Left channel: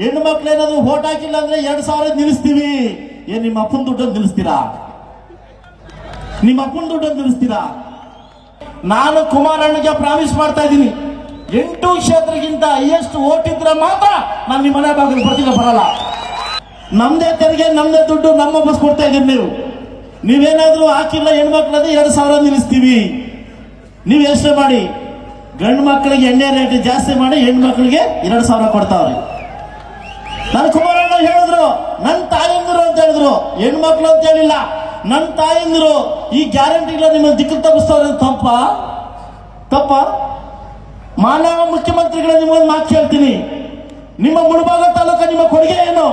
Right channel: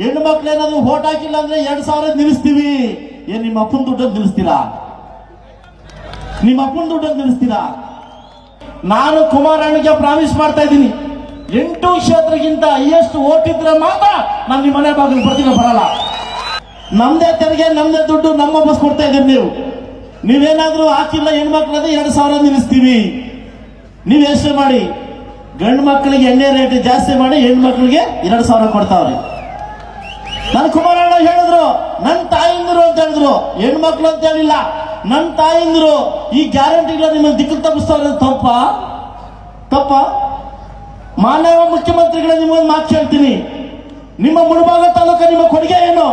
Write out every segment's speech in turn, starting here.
ಹೆಣ್ಣು ಮಕ್ಳು ಏನಾದ್ರು ಓಟ್ ಹಾಕಿಲ್ಲ ಅಂದ್ರೆ ಎರಡ್ ಸಾವಿರ ನಿಲ್ಲಿಸ್ತೀವಿ. ಏನ್, ನಿಮ್ಮ ಅಪ್ಪನ ದುಡ್ಡನ್ನು ನಿಲ್ಲಿಸ್ತೀರಾ? ನಿಮ್ಮ ಅಪ್ಪನ ದುಡ್ಡನ್ನು ನಿಲ್ಲಿಸ್ತೀರಾ? ನಾನು ಕುಮಾರಣ್ಣಗೆ ಪ್ರಾಮಿಸ್ ಮಾಡ್ತಾ ಇದ್ದೀನಿ. ಎಂಟು ಕ್ಷೇತ್ರಕ್ಕಿಂತ ಹೈಯೆಸ್ಟ್ ಓಟ್ ಇದ್ರೆ ಮಾತ್ರ ನಾನು ನಿಮ್ಮ ಮನೆ ಬಾಗಿಲು ಪ್ರತಿಭೆ ಬರಲ್ಲ. ನಮ್ದೇ ತೆರಿಗೆ, ನಮ್ದೇ ದುಡ್ಡು, ನಮ್ಮ ಬಸ್ ಕೊಡ್ತಾ ಇದ್ದೀರಿ ನೀವು. ನೀವೇನಾದ್ರೂ ಹಾಕಿಲ್ಲ ಹೆಣ್ಮಕ್ಳಾದ್ರೆ ಎರಡ್ ಸಾವಿರ ನಿಲ್ಲಿಸ್ತೀವಿ. ನೀವು ಎಷ್ಟು ಮಾಡಿ. ಗಂಡು ಮಕ್ಕಳಿಗೆ ಎಣ್ಣೆ ರೇಟ್ ಜಾಸ್ತಿ ಮಾಡಿ ಹೆಣ್ಣು ಮಕ್ಕಳಿಗೆ ಎರಡು ಸಾವಿರ ಕೊಡ್ತಾವ್ರೆ. ನನ್ನ ಕುಮಾರಣ್ಣ ಹೇಳಿದ್ರು ನನ್ನ ತಾಯಿಂದ್ರು ಅಂತ ಹೇಳಿದ್ರು, ಹೆಣ್ಮಕ್ಳು ಅಂತ ಹೇಳಿಲ್ಲ. ನನ್ನ ತಾಯಿಂದ್ರು, ಈ ಗ್ಯಾರಂಟಿಗಳು ನಿಮ್ಮ ದಿಕ್ಕು ತಪ್ಪಿಸ್ತಾವ್ರೆ ತಪ್ಪ? ತಪ್ಪ? ಮಾನವ ಮುಖ್ಯಮಂತ್ರಿಗಳ ನಿಮ್ಮೊಂದು ಮಾತು ಹೇಳ್ತೀನಿ. ನಿಮ್ಮ ಮುಳಬಾಗ ತಾಲೂಕ ನಿಮ್ಮ ಕೊಡುಗೆ ಏನು?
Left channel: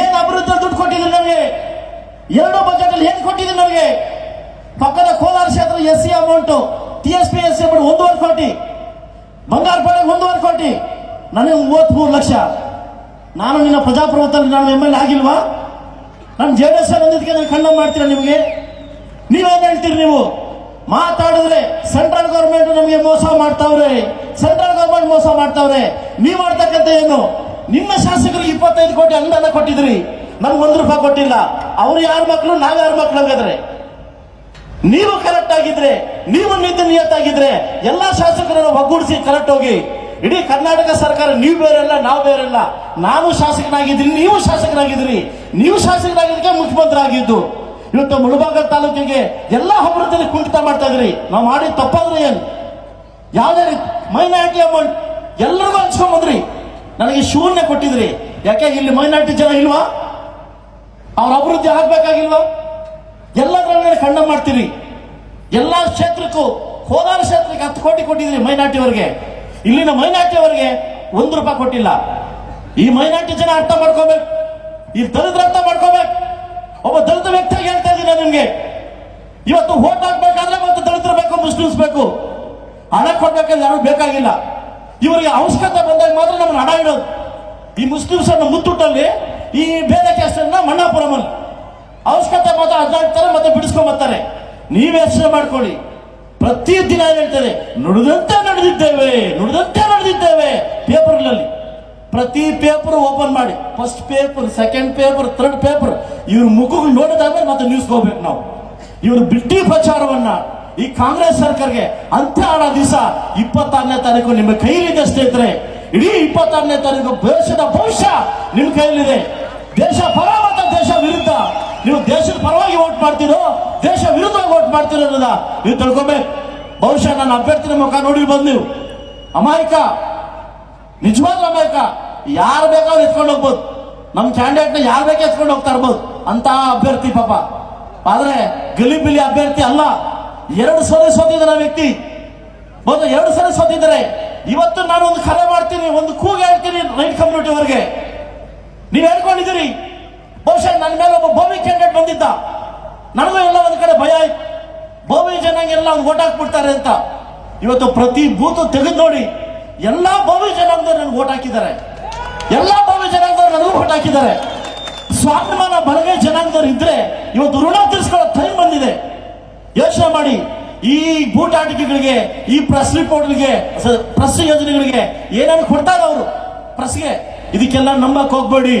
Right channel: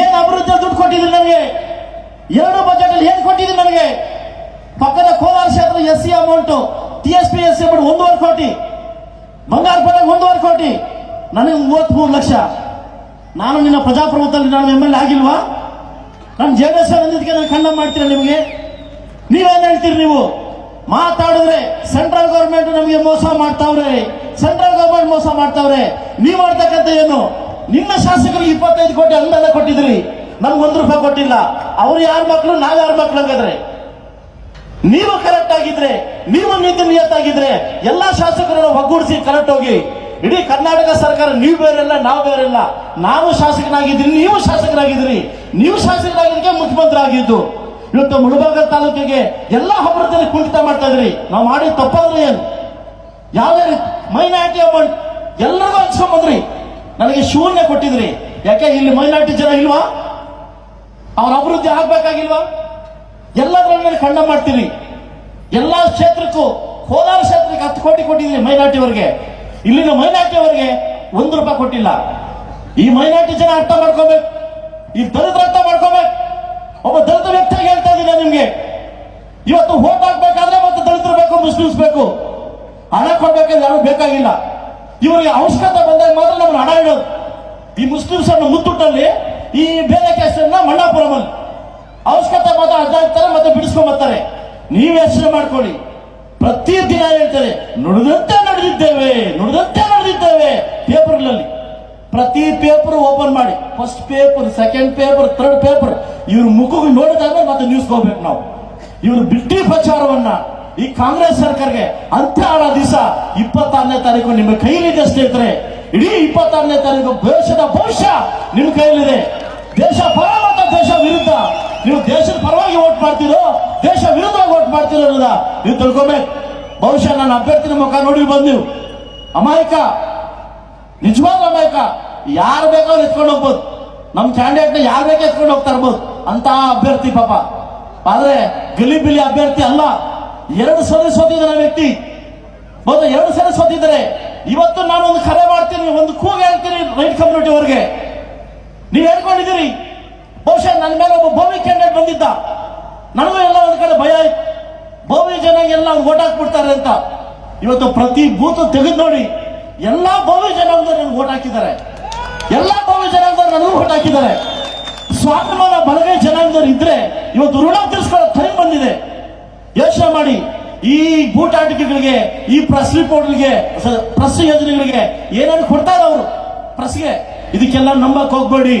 ಏನ್ ಅಭಿವೃದ್ಧಿ ದುಡ್ಡು ಕೊಟ್ಟಿದ್ದೀರಿ ನಮಗೆ? ಎರಡು ಬಜೆಟ್ ಅಲ್ಲಿ ಏನ್ ನಮಗೆ? ಪಕ್ಕದ ಕೋಲಾರ ಕ್ಷೇತ್ರ ಎಸ್ ಸಿ ಅಮೌಂಟ್ ಅಮೌಂಟ್ ಒಂದೂವರೆ ಕೋಟಿ. ಬಂಗಾರ ಪಡೆ ಒಂದೂವರೆ ಕೋಟಿ. ನನಗೆ ಮೂವತ್ಮೂರು ಲಕ್ಷ. ನಾನು ನಿನ್ನ ಪ್ರಜಾಪ್ರಭುತ್ವದಲ್ಲಿ ನಾನು ಎಂ ಎಲ್ ಆಗಿಲ್ವಾ? ನಾನು ಜೆ ಡಿ ಎಸ್ ಅಂದಿದ್ದಕ್ಕೆ ನಾನು ಖಂಡನೆ ಮಾಡ್ತೀನಿ ನಿಮಗೆ? ನೀವೇನ್ ಹೇಳ್ತೀರಿ ನೀವು? ಮಾತಾಡಿದ್ರೆ ಸೆಂಟ್ರಲ್ ಗವರ್ಮೆಂಟ್ ನಮಗೆ ಮೋಸ ಮಾಡ್ತಾವ್ರೆ. ಸೆಂಟ್ರಲ್ ಗವರ್ಮೆಂಟ್ ಮೋಸ ಮಾಡ್ತಾವ್ರೆ. ನೀವು ಮಾಡ್ತಕ್ಕಂಥ ಏನು? ನಿಮ್ಮ ಶಾಸಕರು ಇಪ್ಪತ್ತೈದು ಕೋಟಿ ಅನುದಾನ ಕೊಟ್ಟಿದ್ರಿ ನನ್ಗೆ ಒಂದು ರೂಪಾಯಿ ಕೊಟ್ಟಿಲ್ಲ. ಅವ್ರು ಯಾರ ಮಕ್ಕಳು ನಾವ್ ಯಾರ ಮಕ್ಕಳು ಆಗಿದ್ರೆ ನೀವು ಕರೆಕ್ಟ್ ಆಗಿದ್ರೆ ನೀವು ನೀತಿ ನಿಯತ್ತಾಗಿದ್ರೆ ಎಲ್ಲಾ ಶಾಸಕರನ್ನು ಒಗ್ಗೂಡಿಸಿ ಕರೆಕ್ಟ್ ಹೋಗಿ ಇಡೀ ಕರ್ನಾಟಕ ಸರ್ಕಾರ ನೀವು ಬೇರೆಲ್ಲ ನಾವು ಬೇರೆಲ್ಲ ನಾವು ಶಾಸಕನಾಗಿದ್ದೀನಿ ನೀವು ಶಾಸಕರಾಗಿದ್ರಿ ನೀವು ಶಾಸಕರಾಗಿದ್ದಕ್ಕೆ ಮುಖ್ಯಮಂತ್ರಿ ಆಗಿದ್ದು ಇವತ್ತು ಮುಳಬಾಗ ತಾಲೂಕಿಗೆ ಎಲ್ಲಾ ಹಬ್ಬದಲ್ಲಿ ಕುಂಠಿತ ಮಾಡ್ತಾ ಇದ್ರಿ ನಾವು ಮಾಡಿ ತಪ್ಪಾದ್ರೆ ಏನು? ಯಾವುದೇ ರೀತಿ ಮೈನಾರಿಟಿ ಅಮೌಂಟ್ ಎಲ್ಲರಿಗೂ ಹಂಚ್ಕೊಂಡ್ರಿ ನನಗೆ ಶೂನ್ಯ ಕೊಟ್ಟಿದ್ರಿ ಯಾಕೆ, ಇಲ್ಲಿ ಮೈನಾರಿಟಿ ಜನ ಇಲ್ವಾ? ಅವ್ರ ಅಭಿವೃದ್ಧಿ ಆಗ್ಬೇಕಾಗಿಲ್ವಾ? ಎಲ್ಲದರ ಮೇಲೆ ಖಂಡ ಮಾಡ್ತೀರಿ ಎಲ್ಲಾ ಕ್ಷೇತ್ರಕ್ಕೂ ಕೋಲಾರ ಕ್ಷೇತ್ರಕ್ಕೆ ಹತ್ತು ಕೋಟಿ ಕೊಟ್ಟಿದ್ರಿ ಮೈನಾರ್ಟಿಯವರಿಗೆ ಇಲ್ಲಿನ ಮೈನಾರ್ಟಿಯವರಿಗೆ ಒಂದು ರೂಪಾಯಿ ಕೊಟ್ಟಿಲ್ಲ. ಈ ಮೈನಾರ್ಟಿ ಜನ ಅರ್ಥ ಮಾಡ್ಕೋಬೇಕು. ಈ ದಲಿತರ ಅರ್ಥ ಮಾಡ್ಕೋಬೇಕು. ಒಬ್ಬ ದಲಿತ ವ್ಯಕ್ತಿಯಾಗಿ ಹೇಳ್ತಾ ಇದ್ದೀನಿ ನಿಮಗೆ ನಿಮ್ಗೆ. ಇವತ್ತು ಓಟ್ ಹಾಕ್ಬೇಕಾದ್ರೆ ಮತ್ತು ದಲಿತರು ಬೇಕು, ಮುಸ್ಲಿಮ್ಸ್ ಬೇಕು. ಹಣ ಕೊಡ್ಬೇಕಂದ್ರೆ ಯಾರು ಬೇಕಾಗಿಲ್ಲ. ಇವರಿಗೆ ಅವಶ್ಯಕತೆ ಬಂದಾಗ ಮಾತ್ರ ನಾವು ಹಣ ಇಡೋದು. ಈ ಮುಸ್ಲಿಮ್ಸ್ ಅನ್ನು ಮುತ್ತುಟ್ಟಲ್ಲಿ ಈ ಬೇರೆ ಕೇಸನ್ನ ಮಂಡಾಪುರಮಲ್ಲಿ ಅವಶ್ಯಕತೆ ಮಾತ್ರ ಅದಾಗ್ತಾರೆ ಮತ್ತೆ ಬಿಡಿಸ್ಕೊಂಡ್ ಬರ್ತಾರೆ. ನೀವ್ ಯೋಚನೆ ಮಾಡ್ಕೊಳ್ಳಿ. ಪ್ರತಿ ದಿನ ಹೇಳ್ತಾರೆ ನುಡಿದಂತೆ ನಡೆದಿದ್ದೇವೆ ನುಡಿದಂತೆ ನಡೆದಿದ್ದೇವೆ ಪೇಪರ್ನಲ್ಲಿ. ಪ್ರತಿ ಪೇಪರ್ ಓಪನ್ ಮಾಡಿ. First paper, second paper, third paper. ಇವ್ರ ಮುಖಗಳು ನೋಡಿದಾಗ ಮತ್ತೆ ನ್ಯೂಸ್ ಹೋಗ್ಬೇಕು ನಾವು. ಇವರು ಬಿಟ್ಟಿ ಪ್ರಚಾರವನ್ನ ಈ ಕಾಂಗ್ರೆಸ್ ಸರ್ಕಾರಗೆ ಅಂತ್ಯ ಆಡೋ ದಿವಸ ಇಪ್ಪತ್ತಾರನೇ ತಾರೀಕು. ನಿಮ್ಮ ಕೈಲಿದೆ ಸ್ನೇಹಿತರೆ, ಇಡೀ ಇಪ್ಪತ್ತಾರನೇ ತಾರೀಕು ದೇಶದ ಭವಿಷ್ಯ ನಿಮ್ಮ ಕೈಯಲ್ಲಿದೆ. ನೀವು ತಿಳ್ಕೊಬೇಕು ಬಹುಶಃ ನನ್ನ ಅಭ್ಯರ್ಥಿನ ಮುಖ ನೋಡಿ ಬಂದು ನೀವು. ಅಮಾಯಕ. ನಿಜವಾದ ಅಮಾಯಕ. ಯಾರು ಬೇಕೋ ಎತ್ಕೊಂಡು ಹೋಗ್ಬೋದು. ನಮ್ಮ ಕ್ಯಾಂಡಿಡೇಟ್ನ ಯಾರು ಬೇಕೋ ಎತ್ಕೊಂಡು ಹೋಗ್ತಾ ಇರ್ಬೋದು. ಅಂತ ಅಭ್ಯರ್ಥಿ ಪಾಪ. ಆದ್ರೆ ಗಲಿಬಿಲಿ ಅಭ್ಯರ್ಥಿ ಅಲ್ಲ. ಎರಡು ಸಲ ಸೋತಿದ್ದಾರೆ ವ್ಯಕ್ತಿ. ಮೊದಲು ಎರಡು ಸಲ ಸೋತಿದ್ದಾರೆ. ಇವತ್ತು ನಾನು ಒಂದು ಕರೆ ಮಾಡ್ತೀನಿ, ಒಂದು ಕೂಗ ಹೇಳ್ತೀನಿ ರೈಟ್ ಕಮ್ಯುನಿಟಿ ಅವರಿಗೆ. ನೀವು ಹೇಳ್ಕೊಂಡಿದ್ದೀರಿ. ಬಹುಶಃ ನನ್ನ ಮೇಲೆ ಒಬ್ಬ ಭೂಮಿ ಕ್ಯಾಂಡಿಡೇಟ್ ಬಂದಿದ್ದ ನನಗೂ ಎಲ್ಲ ಒಂದ್ ಕಡೆ ಭಯ ಆಯ್ತು ಭೂಮಿ ಜನಾಂಗೆಲ್ಲ ಅವ್ನು ಓಟ್ ಹಾಕ್ಬಿಡ್ತಾರೆ ಅಂತ. ಇವತ್ತು ಪ್ರತಿ ಬೂತ್ ತೆಗೆದು ನೋಡಿ, ಎಲ್ಲಾ ಭಾವಿ ಜನಾಂಗದವ್ರು ನನ್ಗೆ ಓಟ್ ಹಾಕಿದ್ದಾರೆ. ಎಲ್ಲಾ ಭಾವಿ ಜನಾಂಗದವ್ರು ನನಗೂ ಓಟ್ ಹಾಕಿದ್ದಾರೆ. ಸ್ವಾಭಿಮಾನ ಬಲಗೈ ಜನಾಂಗದವ್ರು ಇದ್ರೆ ಇವತ್ತು ಋಣ ತೀರಿಸ್ಕೊಳ್ಳೋ ಬಂದಿದೆ. ಯೋಚನೆ ಮಾಡಿ, ಈ ಗೂಟಾಟಿಕೆಗಳಿಗೆ ಈ ಪ್ರೆಸ್ ರಿಪೋರ್ಟ್ಗಳಿಗೆ ಪ್ರೆಸ್ ಯೋಜನೆಗಳಿಗೆ ಏನಾದ್ರು ಕೊಡ್ತಾರೆ ಅವರು, ಪ್ರೆಸ್ಗೆ, ಇದಕ್ಕೆಲ್ಲ ನಂಬಕ್ ಹೋಗ್ಬೇಡಿ.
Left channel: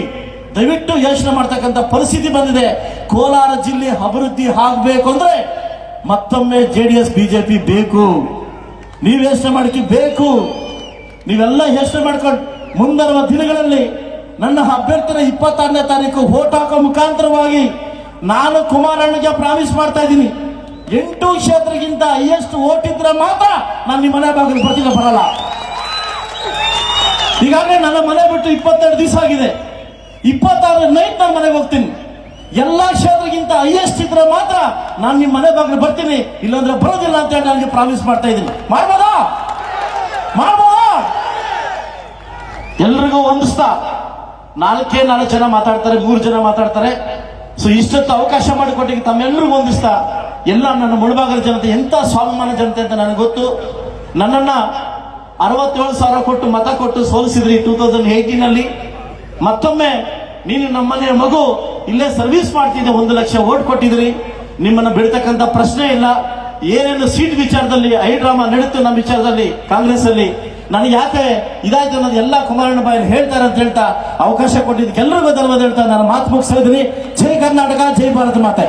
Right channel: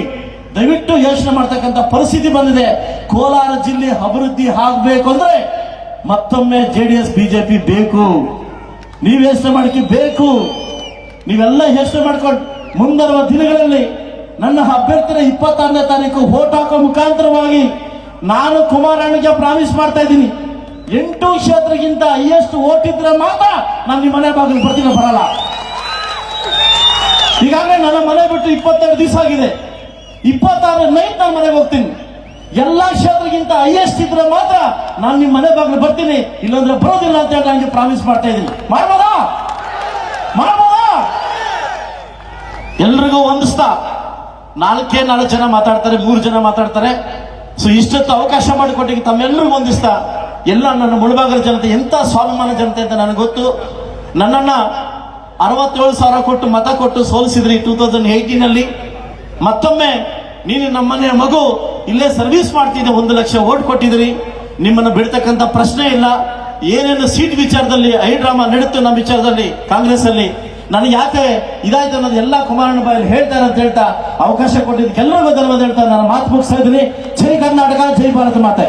ದಯವಿಟ್ಟು ಯೋಚನೆ ಮಾಡ್ತಕ್ಕಂಥ ಪರಿಸ್ಥಿತಿ ಬಂದಿದೆ. ಕೋಲಾರ ಜಿಲ್ಲೆ ಅಭಿವೃದ್ಧಿ ಆಗ್ಬೇಕು ಅಂದ್ರೆ ಮತ್ತೊಮ್ಮೆ ಜೆ ಡಿ ಎಸ್ ಬಿಜೆಪಿ ಬೇಕು. ನೀವು ಯೋಚನೆ ಮಾಡಕ್ಕೆ ಬೇಕು. ನೀವೆಲ್ಲ ಯೋಚನೆ ಮಾಡ್ಕೊಂಡು ಮುಂಬರುವ ದಿನಗಳಲ್ಲಿ ನನ್ನ ಅಭ್ಯರ್ಥಿನ ಇಪ್ಪತ್ತಾರನೇ ತಾರೀಕು ವೋಟ್ ಹಾಕೋ ಮುಖಾಂತರವಾಗಿ ನಾನು ಕುಮಾರಣ್ಣಗೆ ಪ್ರಾಮಿಸ್ ಮಾಡ್ತಾ ಇದ್ದೀನಿ. ಎಂಟು ಕ್ಷೇತ್ರಕ್ಕಿಂತ ಹೈಯೆಸ್ಟ್ ಓಟ್ ಇದ್ರೆ ಮಾತ್ರ ನಾನು ನಿಮ್ಮ ಮನೆ ಬಾಗಿಲು ಬರ್ತೀನಿ ಬರಲ್ಲ. ಈಗಾಗಲೇ ನನ್ನ ಮನೆ ಬಿಟ್ಟು ಇಪ್ಪತ್ತೆರಡು ದಿವಸ ಆಗಿದೆ. ಇಪ್ಪತ್ತಾರು ನೈಟ್ ನಾನು ಮನೆಗೆ ಹೋಗ್ತೀನಿ. ಎಲ್ಲಾ ಕ್ಷೇತ್ರಕ್ಕಿಂತ ಹೈಯೆಸ್ಟ್ ಇದ್ರೆ ಮಾತ್ರ ನಾನು ನಿಮ್ಮ ಮನೆ ಬಾಗಿಲು ಬರ್ತೀನಿ. ಇಲ್ಲಾಂದ್ರೆ ಬರೋದಿಲ್ಲ ಅಂತ ಹೇಳಿ ನನಗೆ ಪ್ರಾಮಿಸ್ ಮಾಡ್ತಾ ಇದ್ದೀನಿ ಮಾಡ್ಬೋದಾ? ಮಾಡ್ಬೋದಾ? ಎಲ್ರಿಗೂ ಹೊಂದಿಸ್ತಾ ನಾಲ್ಕೇ ನಾಲ್ಕು ಜನ ಮಾತಾಡ್ತಾರೆ, ಮೂರು ಜನ ಮಾತಾಡ್ತಾರೆ. ಸೊ ಇಷ್ಟೊತ್ತು ಅವಕಾಶ ಮಾಡಿಕೊಟ್ಟಿಗೆ ತಮ್ಮೆಲ್ಲರಿಗೂ ಹೊಂದಿಸ್ತಾ ಎಲ್ಲ ನನ್ನ ಮುಳುಬಾಗಲ ಜನತೆ, ಎಂತ ಸ್ವಾಭಿಮಾನ ಜನತೆ ಅಂತ ನನಗೆ ಗೊತ್ತು. ನನ್ನನ್ನ ಅರವತ್ತೇಳು ಸಾವಿರ ಕೊಟ್ಟು ಮತ ಕೊಟ್ಟು ಸೋಲಿಸಿದ್ರಿ ಟೂ ತೌಸಂಡ್ ಏಯ್ಟೀನ್ ಅಲ್ಲಿ. ಮತ್ತೊಮ್ಮೆ ನೀನು ನಮ್ಮನೆಯ ಮಗು ಇಲ್ಲೇ ಸರ್ವಿಸ್ ಮಾಡ್ತಿದ್ದೆ ಒಂದು ಲಕ್ಷ ಓಟ್ ಕೊಟ್ಟಿದ್ರಿ ನಿಮ್ಮನ್ನು ಬಿಡ್ತಕ್ಕಂಥ ಪ್ರಶ್ನೆ ಇಲ್ಲ. ಏನೇನು ಸೀಟ್ ವಿಚಾರದಲ್ಲಿ, ಐ ಡ್ರಾಮಾ ನಡೆಯುತ್ತೆ ನಮ್ಮ ವಿಚಾರದಲ್ಲಿ ಕಾಂಗ್ರೆಸ್ ಅಲ್ಲಿ ನಾನು ಯಾಕೆ ಇದಾಯ್ತು ಅನ್ನೋದು ಎಲ್ಲ ಕುಮಾರಣ್ಣ ಬಾಯಲ್ಲಿ ಹೇಳ್ತಾರೆ ಅಂತ ಹೇಳ್ತಾ ಅವಕಾಶ ಕೊಟ್ಟಿದ್ದಕ್ಕೆಲ್ಲರಿಗೂ ಧನ್ಯವಾದ ಹೇಳ್ತಾ ನಾನು ಮಾತು ಮುಗಿಸ್ತಾ ಇದ್ದೀನಿ. ಜೈ ಕರ್ನಾಟಕ, ಜೈ ಭಾರತ ಮಾತೆ.